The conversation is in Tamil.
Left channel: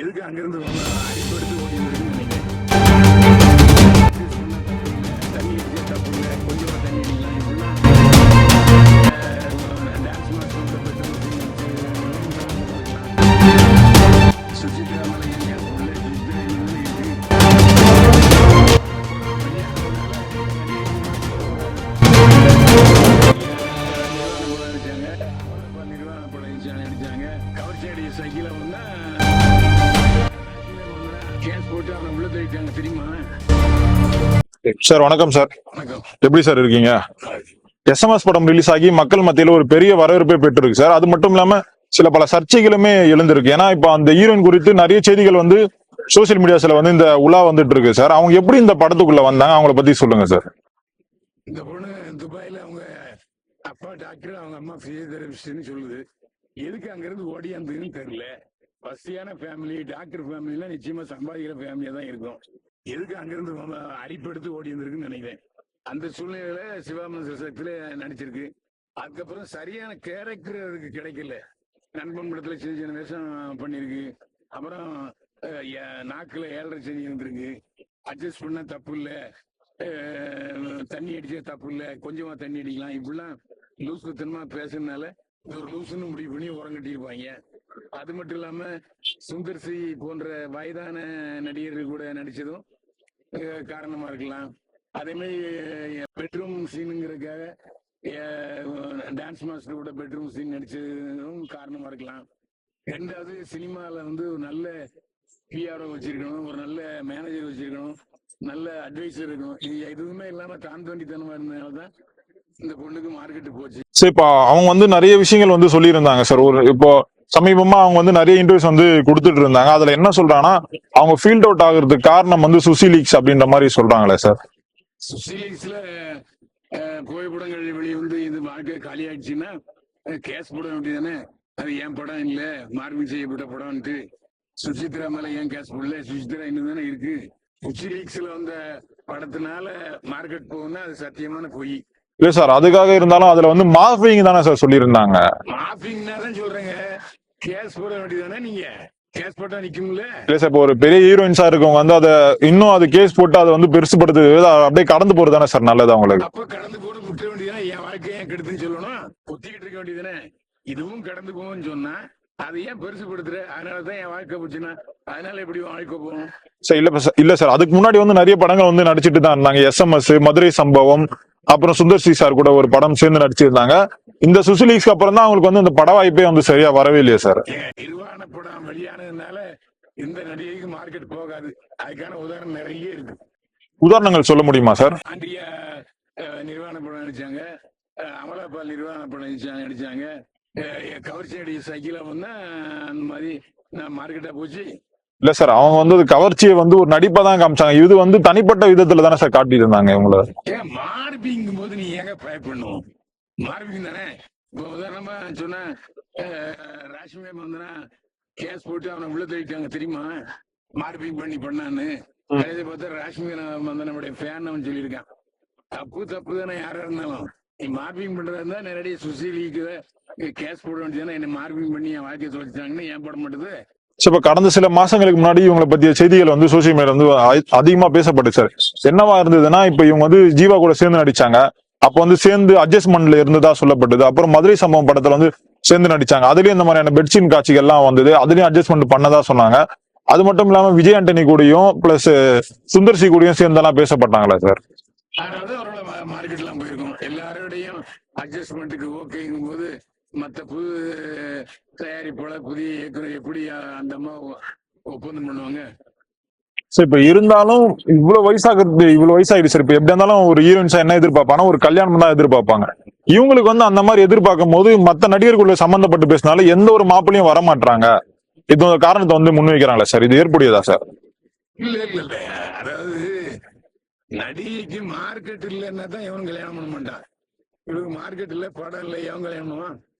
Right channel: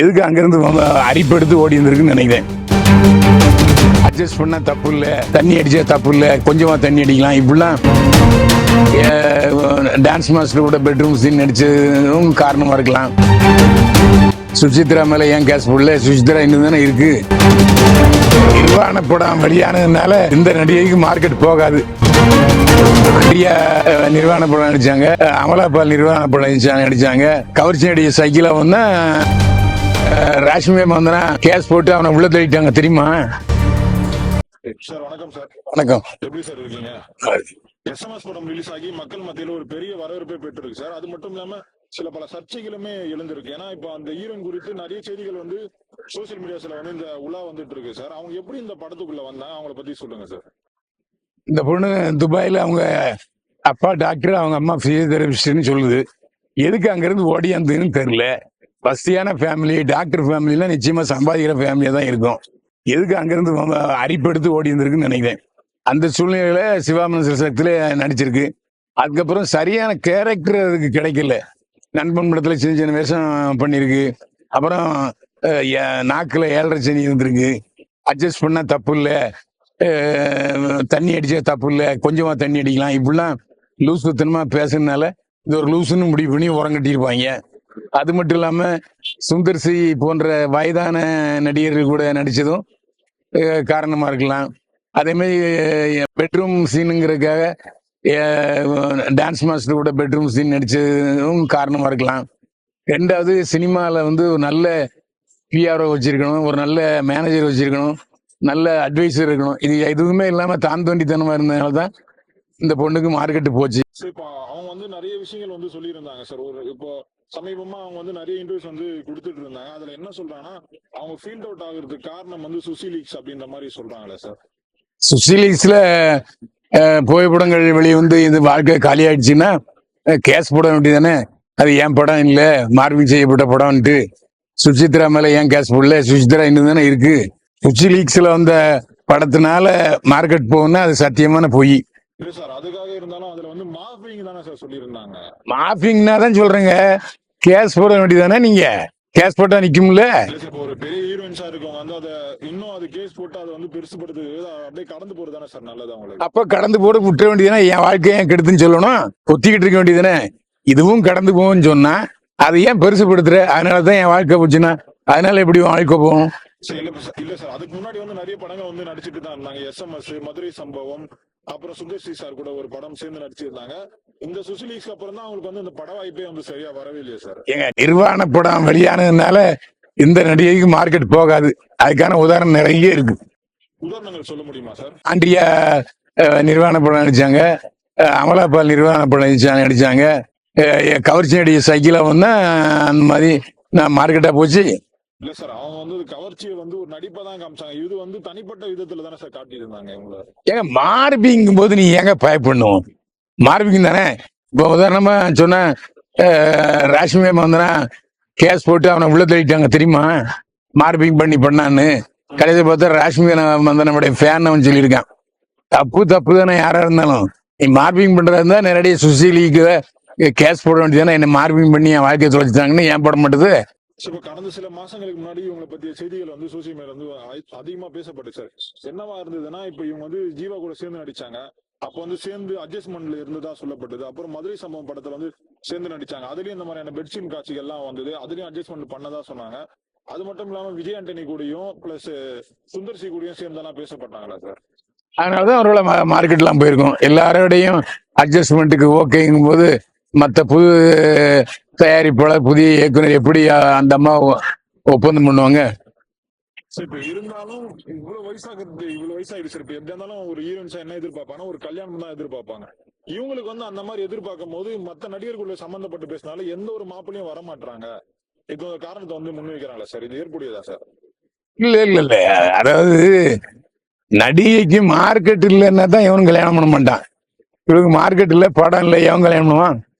எதுக்கு அங்கிருந்து அரிப்படுத்து ஓடி இருந்திருக்குன்னு நினைக்கிறேன். அட்ஜஸ்ட் பண்ண தப்பு இல்லை தண்ணி அடிச்சா தப்பு இல்லை கொஞ்சமா தண்ணி அடிக்கலாம். இப்படிலாம் டான்ஸ் மாஸ்டர் கூட பெட்ரூம் சீன் நடிச்சதும் காரணமா இருக்கலாம். சுசித்ரா மேல ஏன் கேஸ் போடல? சுசித்ரா இன்னும் தானே இருக்கு. நிர்வாண படம் வெளியானதுனால இந்த நடிகைக்கு மார்க்கெட் போகாது. நிறைய நிர்வாண படம் நடிச்சாங்க. அமலாபால் நிர்வாண படம் நடிச்சாங்க நடிச்சாங்க. கவர்ச்சி நடிகை சைக்கிளா வந்தா ராஷ்மி வந்தனா கேஸ் போட்டு அவனை உள்ள தள்ளிட்டாங்க தெரியுமா? சார் வணக்கம் சார். வணக்கம். எப்படி சார் இருக்கீங்க? எஸ்எம்எஸ் படம் ரிலீஸ் ஆகி மக்கள் மத்தியில ஒரு பெரிய வரவேற்பை பெற்றிருக்கு சார். அது மட்டும் இல்லாம சில பல சர்ச்சைகளுமே எழுந்திருக்கு. ஏன்னா இப்போ அந்த ஹீரோயின் குறித்து நிறைய செய்திகள் வந்து சோசியல் மீடியாஸ்ல வந்து இந்த உலா வந்துட்டு இருக்கு சார். அவங்க எப்படி இந்த படத்துக்குள்ள வந்தாங்க? அவங்கள பத்தி சொல்லுங்க சார். இந்த பொண்ணு துபாயில அவங்க அப்பா டாக்டர் அவங்க அம்மா பிசியோதெரபிஸ்ட்னு சொல்லுது. எதுக்கு அங்கிருந்து ஓடியாந்துன்னு தெரியல. வசதியான ஃபேமிலி டாக்டர் ஃபேமிலிலாம் நிச்சயமா சம்பாதிக்கிற ஃபேமிலியா தான் இருக்கும். எதுக்கு அங்கிருந்து அரிப்பெடுத்து ஓடி இருந்திருக்குன்னு நினைக்கிறேன். அந்த சூழ்நிலையில சிவாமனசர் சக்தியில நடிச்சிருக்கு. அதுக்கப்புறம் சரியான கேரக்டர் அதுக்கு கிடைக்கல. நண்பன் படத்துல சின்ன சின்ன வேஷம் பண்ணியிருக்கு. அப்புறம் நாக்கில் ஏ- ஏழரை சனி இருந்திருக்கு. அட்ஜஸ்ட் பண்ணா தப்பு இல்லை. தண்ணி அடிச்சா தப்பு இல்லை. கொஞ்சமா தண்ணி அடிக்கலாம். இப்படிலாம் லூஸ் சுத்தனமா பேசுறதுனால இது ஒரு லூசுன்னு முடிவு பண்ணி உரம் கட்டியிருப்பாங்க அது மட்டும் இல்லாம சுந்தர் சி போன்ற வயதான நடிகர்கள் கூட நடிச்சதும் காரணமா இருக்கலாம். அதே மாதிரி பெட்ரூம் சீனுங்கிறதுக்காக டான்ஸ் மாஸ்டர் கூட பெட்ரூம் சீன் நடிச்சதும் காரணமா இருக்கலாம். ரெண்டாவது சினிமாவில் வந்து ஒரு நல்ல பிஆர்ஓ வச்சிருக்கணும் ஒரு நல்ல மேனேஜர் வச்சிருக்கணும் நல்ல அட்வைசர் இருக்கணும். இது எதுவுமே இல்லாம தான் தோண்டித்தனமா இருந்ததுனால தான் இந்த பொண்ணுக்கு மார்க்கெட்டு போச்சு. சரி இப்போ அவங்க வந்து நிறைய விஷயங்கள் வந்து சொல்லியிருந்தாங்க சார். ஒரு இப்போ சமீபமா அவங்க வந்து நிறைய இன்டர்வியூஸ் வந்து கொடுத்துட்டு இருந்தாங்க. அதுல என்ன சொல்றாங்கன்னா அவங்க ஃபீல்ட் அவுட் ஆகுறதுக்கு காரணம் வந்து சுசி லீக்ஸ் அப்படின்ற மாதிரி சொல்றாங்களே சார் சுசிலீஸ்ல புகைப்படங்கள் வெளிவந்து இது வாழ்க்கை காலி ஆயிடுச்சுன்னா கேஸ் போட வேண்டியதானே அது என் படம் இல்லை? மார்பிங் செய்யப்பட்ட படம்ன்ட்டு. சுசித்ரா மேல ஏன் கேஸ் போடல? சுசித்ரா இன்னும் தானே இருக்கு. சுசிலீக்ஸ்ல வந்த படத்தினால மார்க்கெட் போகும்னா அது சத்தியமான பொய். இல்ல சார் அதுக்காக இருந்தாலும் அதுல வந்து மாஃபிங் தானே சார் சொல்லியிருந்தாங்க. மாஃபிங்னா தான் சொல்றேங்க. கேஸ் போட வேண்டியதானே நீங்க? கேஸ் போட்டா நிக்கும்ல? இல்ல சார் இப்போ ஒரு பெரிய ஹீரோயின்ஸா இருக்கவங்க வந்து அதை இன்னும் அது கேஸ் போட்டு அதை வந்து பெருசுபடுத்து அப்படியே கடந்து போறது தானே சார் நல்லது அவங்களுக்கு? அப்ப கடந்து போட விட்டுற வேண்டியதானே என் வாழ்க்கையை ஏன் கெடுத்துன்னு சொல்லணும்? கொத்திக்கிட்டு இருக்க வேண்டியதானே இதுவும் கடந்து போகும்னு சொன்னா அதை ஏன் பெருசுபடுத்துற அதனாலதான் என் வாழ்க்கை போச்சுன்னா அதனால எப்படி வாழ்க்கை போகும்? சார் இல்ல சார் இல்ல சார் அதுக்கு முன்னாடி வந்து நிறைய படங்கள் வந்து நடிச்சிட்டு தான் இருந்தாங்க. எஸ்எம்எஸ் மதுரை சம்பவம் அப்புறம் சுந்தர் சி சார் கூட ஒரு படம் சேர்ந்து நடிச்சிருந்தாங்க. இந்த சுசிலீக்ஸ்க்கு அப்புறம் தான் அவங்களுக்கு வந்து இந்த பட வாய்ப்பே வந்து சரியா வரவே இல்லையா சார். நிர்வாண படம் வெளியானதுனால இந்த நடிகைக்கு மார்க்கெட் போகாது. அதுக்கான உதாரணம் நிறைய இருக்கு. உதாரணங்கள் சொல்ல முடியுமா சார்? ஆண்ட்ரியா அஹ், நிர்வாண படம் நடிச்சாங்க. அமலாபால் நிர்வாண படம் நடிச்சாங்க நடிச்சாங்க. கவர்ச்சி நடிகை சைக்கிளா வந்தா அந்த மாதிரி நான் மார்க்கெட்டா போச்சு. இல்ல சார் அவங்க வந்து கவர்ச்சியை வந்து ஒரு நடிப்பா தான் காமிச்சாங்க. இது வந்து தனிப்பட்ட விதத்துல தானே சார் காட்டிட்டு இருந்தாங்க இவங்கள. ஏங்க மார்பிங்கும் போது நீ ஏங்க பயப்படணும் மார்பிங் தானே? இப்போ உதாரணமா சொன்ன ராஷ்மி வந்தனா கேஸ் போட்டு அவனை உள்ள தள்ளிட்டாங்க தெரியுமா? மார்பிங் பண்ணி பண்ணான்னு. கடைசி பார்த்தா ராஷ்மி வந்து நம்முடைய ஃபேன் அவன் சொல்லியிருக்கான். தப்பு தப்பு தானே யாரா இருந்தாலும். நீ மார்பிங் பண்றதா இருந்தா நேரடியாக சுசிலிக்கு கேஸ் போட வேண்டியதானே என்ன மார்பிங் பண்ணி என் வாழ்க்கையை தொலைச்சிட்டாங்கன்னு ஏன் போட மாட்டேது? சரி இப்ப கடந்த சில மாசங்களுக்கு முன்னாடி இவங்களை பத்திய செய்திகள் வந்து சோசியல் மீடியா வந்து அ- அதிகமா பேசப்பட்டுச்சு சார் என்னவா இருந்ததுன்னா இப்ப இவங்க வந்து ஜீவா கூட சேர்ந்து நடிச்சாங்க. அப்ப வந்து சேர்ந்து அட்ஜஸ்ட்மெண்ட்ல இருந்ததா சொல்லப்பட்டது. அப்புறம் மதுரை சம்பவம் படத்துல வந்து சேர்ந்து நடிச்சாங்க. அதுலயும் இந்த மாதிரியான பெட்ஷீட் காட்சிகள் எல்லாம் வந்தது. அதுலயும் அட்ஜஸ்ட்மெண்ட் பண்ணதா சொன்னாங்க. அது மட்டும் இல்லாம விஜய் ஆண்டனி கூடயும் பிளஸ் சுந்தர் சி கூடயும் சேர்ந்தெல்லாம் பேசப்பட்டாங்களா சார் அதனாலதான் அவரோட மார்க்கெட்லாம் போயிருக்கோம். எல்லாரோடையும் அட்ஜஸ்ட்மெண்ட்டுக்கு ஓகேங்கும் போது மற்ற புது தயாரிப்பாளர் புதிய இயக்குனர் எப்படி அந்த அம்மா ஒப்பந்தம் பண்ணுவாங்க? சரி இப்ப இருந்தாலும் இவ்வளவு வயசாகிறது இவ்வளவு வயசாயிடுச்சு. சார் இப்ப எப்படி இருந்தாலும் ஒரு ஹீரோயின்ஸா என்ன எதிர்பார்ப்பாங்கன்னா ஒரு கல்யாணம் தான் எதிர்பார்ப்பாங்க. இவங்களுக்கு வந்து அந்த மாதிரி எதிர்பார்க்கும் போது மத்த நடிகர்களுள்ள சம்பந்தப்பட்டு பேசினால எந்த ஒரு மாப்பிளையும் வர மாட்டாங்க இது ஒரு காரணத்தை வந்து முன்வைக்கிறாங்களா சார்? இது ஏற்புடையதா சார்? இல்ல இல்ல இல்ல. அதாவது நடிகைக்கு மார்க்கெட் இல்லைன்னா தான் எவனும் கல்யாணம் பண்ண மாட்டான். இவனுக்கு மார்க்கெட் இல்ல படம் இல்லை எவன் கல்யாணம் பண்ணுவான்.